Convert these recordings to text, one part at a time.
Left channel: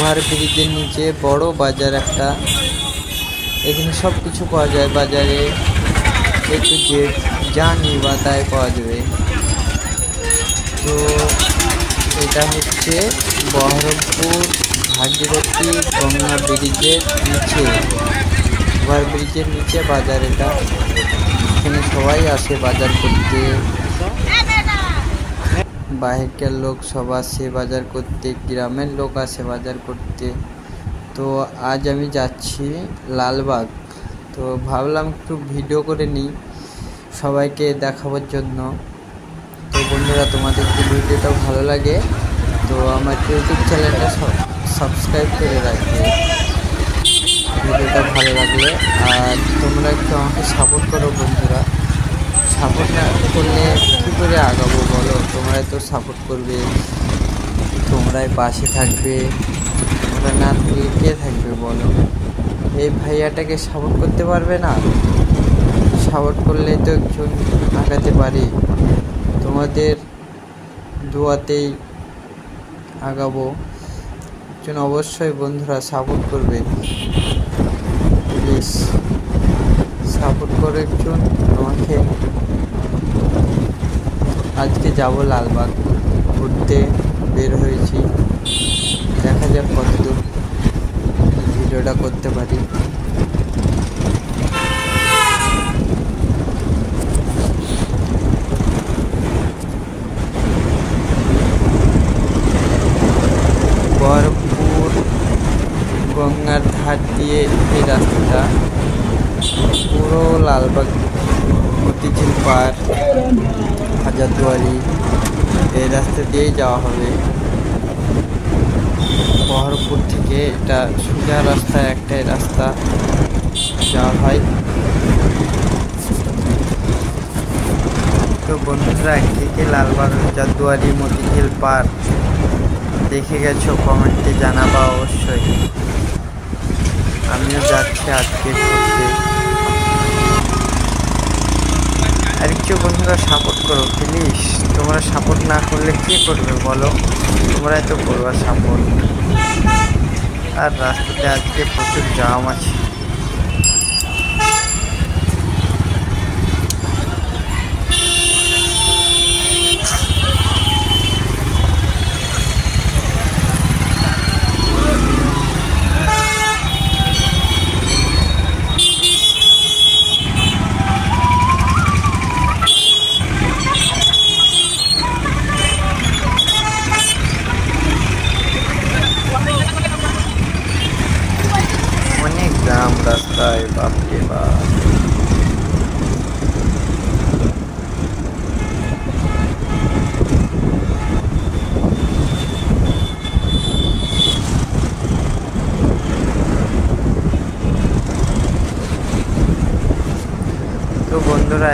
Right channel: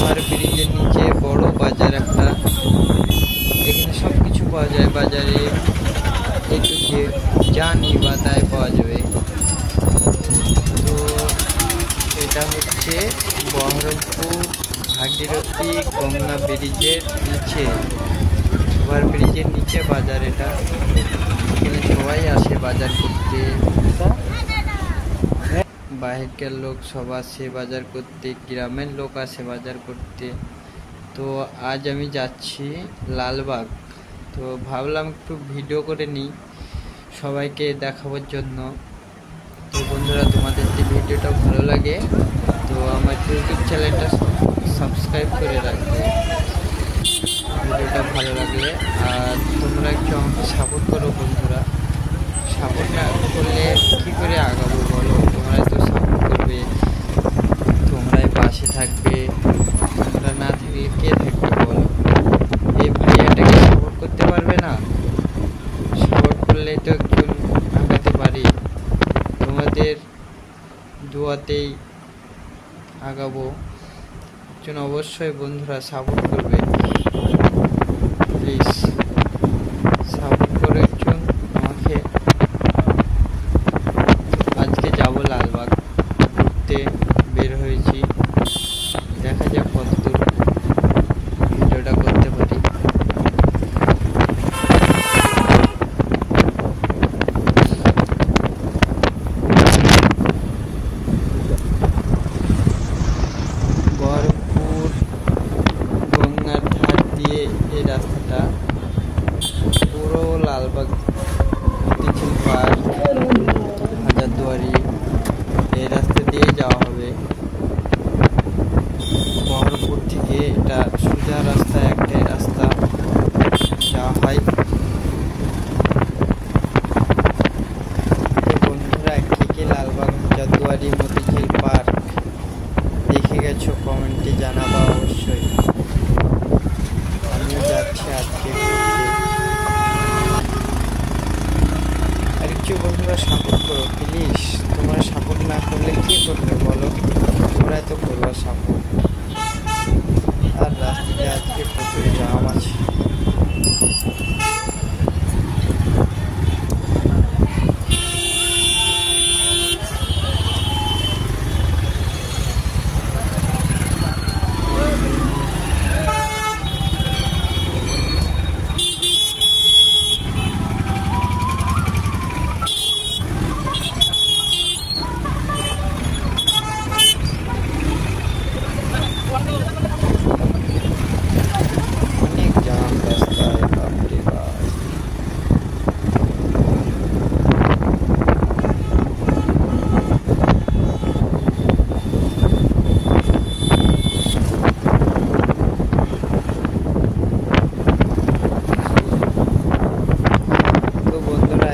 ওভারব্রিজের নিচে বড় বাজার একটা, এখানে সব কিছু পাওয়া যায় বাজারে, একটু যে যা নিবা তাই পাওয়া যাবে। তো এটা হচ্ছে বহরমপুর ভাগীরথী গঙ্গা ব্রিজের নিচে, ওভারব্রিজের নিচে বাজার এটা। এখানে সবাই আসে বাজার করতে, বাহিরের লোক সব আসে বাজার করতে, গ্রামের লোক আসে বাজার করতে। তো আজ আমি যাচ্ছি লালবাগ, তো ভাবলাম একটু ভিডিও করে নিই সবাইকে দেখাবার জন্য। তো বন্ধুরা, তোমাদের যদি ভিডিওটা ভালো লাগে তো আমার ইউটিউব চ্যানেলটা সাবস্ক্রাইব করে রাখবে ভিডিওটা ভালো লাগলে। আর তোমরা একটু আমাকে সাপোর্ট করো বন্ধুরা, সাপোর্ট না করলে কী করে আগাবো বলো? তোমরাই তো সাপোর্ট করবে, তোমরাই পাশে থাকবে, তোমরা না থাকলে কে থাকবে বলো? এই ভাইয়াটাকে সাপোর্ট করতে পারবে না? সাপোর্ট করলেই তো একটু আগাতে পারি, তোমাদের দোয়াতেই আগাবো। একজন অবশ্যই বন্ধুরা সাপোর্ট করবে, প্লিজ সাপোর্ট করে একজন আমাকে। আজকে যাব লালবাগ ঘুরতে বের হয়েছি, দেখা যাক কতদূর ভিডিওটা করতে পারি। বহরমপুর গঙ্গার ধার দিয়ে এই রাস্তাটা পুরো লালবাগ, মতিঝিল পার্ক, হাজারদুয়ারি, এই রাস্তা দিয়ে যাওয়া হবে। বহরমপুর থেকে এটা সোজা রাস্তা, একটাই রাস্তা যাওয়া হয়। তো বন্ধুরা, কে লালবাগ, হাজারদুয়ারি, মতিঝিল পার্ক দেখে গেছো কমেন্টে জানাবা অবশ্যই। আমিও যাচ্ছি আজকে ঘুরতে। আর কিছু বন্ধুরা সাপোর্ট করো প্লিজ, তোমরা সাপোর্ট না করলে কে করবে বলো? তোমরাই তো করবা সাপোর্ট। আর রাস্তাতে আজকে প্রচুর জাম আছে। অনেক জাম রাস্তায়, বাপরে বাপ। তো বন্ধুরা,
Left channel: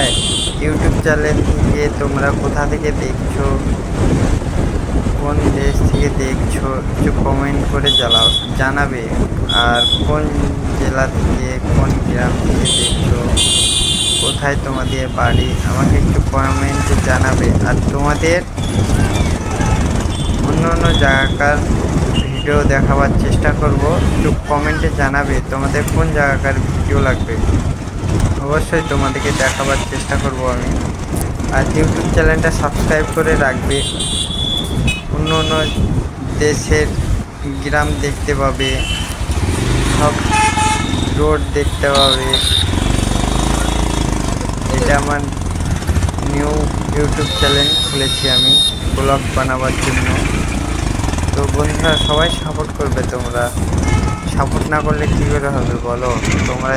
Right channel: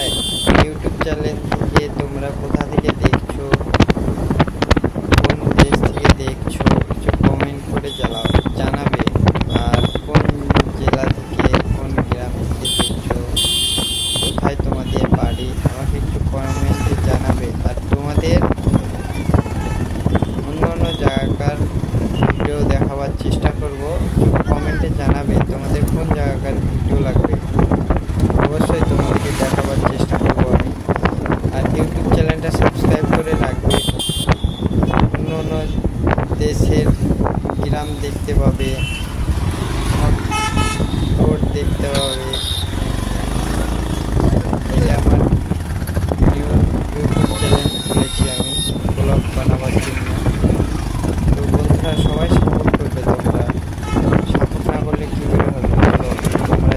ইউটিউব চ্যানেল থেকে তোমরা কোথা থেকে দেখছো, কোন দেশ থেকে দেখছো, কিছু কমেন্ট করে জানাবে। আর কোন জেলা থেকে, কোন গ্রাম থেকে দেখছো, কোথায় তোমাদের বাড়ি, আমাকে একটু কমেন্টে জানাবে। আর তোমাদের অন্য অন্য জায়গাকার ভিডিও দেখাবার চেষ্টা করব, একটু কমেন্টে জানাবে তোমাদের কোন জায়গাকার ভিডিও লাগবে, অবশ্যই তোমাদেরকে দেখাবার চেষ্টা করব আমি। আর ইউটিউব চ্যানেলটা সাবস্ক্রাইব করে রাখবে, অন্য অন্য দেশের গ্রাম দেখতে পাবে, সব রোড দেখতে পাবে। এটা আমার নিউ ইউটিউব চ্যানেল খুলেছি আমি ব্লগ বানাবার জন্য। তো বন্ধুরা, সবাই সাপোর্ট করবে, তোমরা সাপোর্ট না করলে কী করে হবে বলো? তোমরা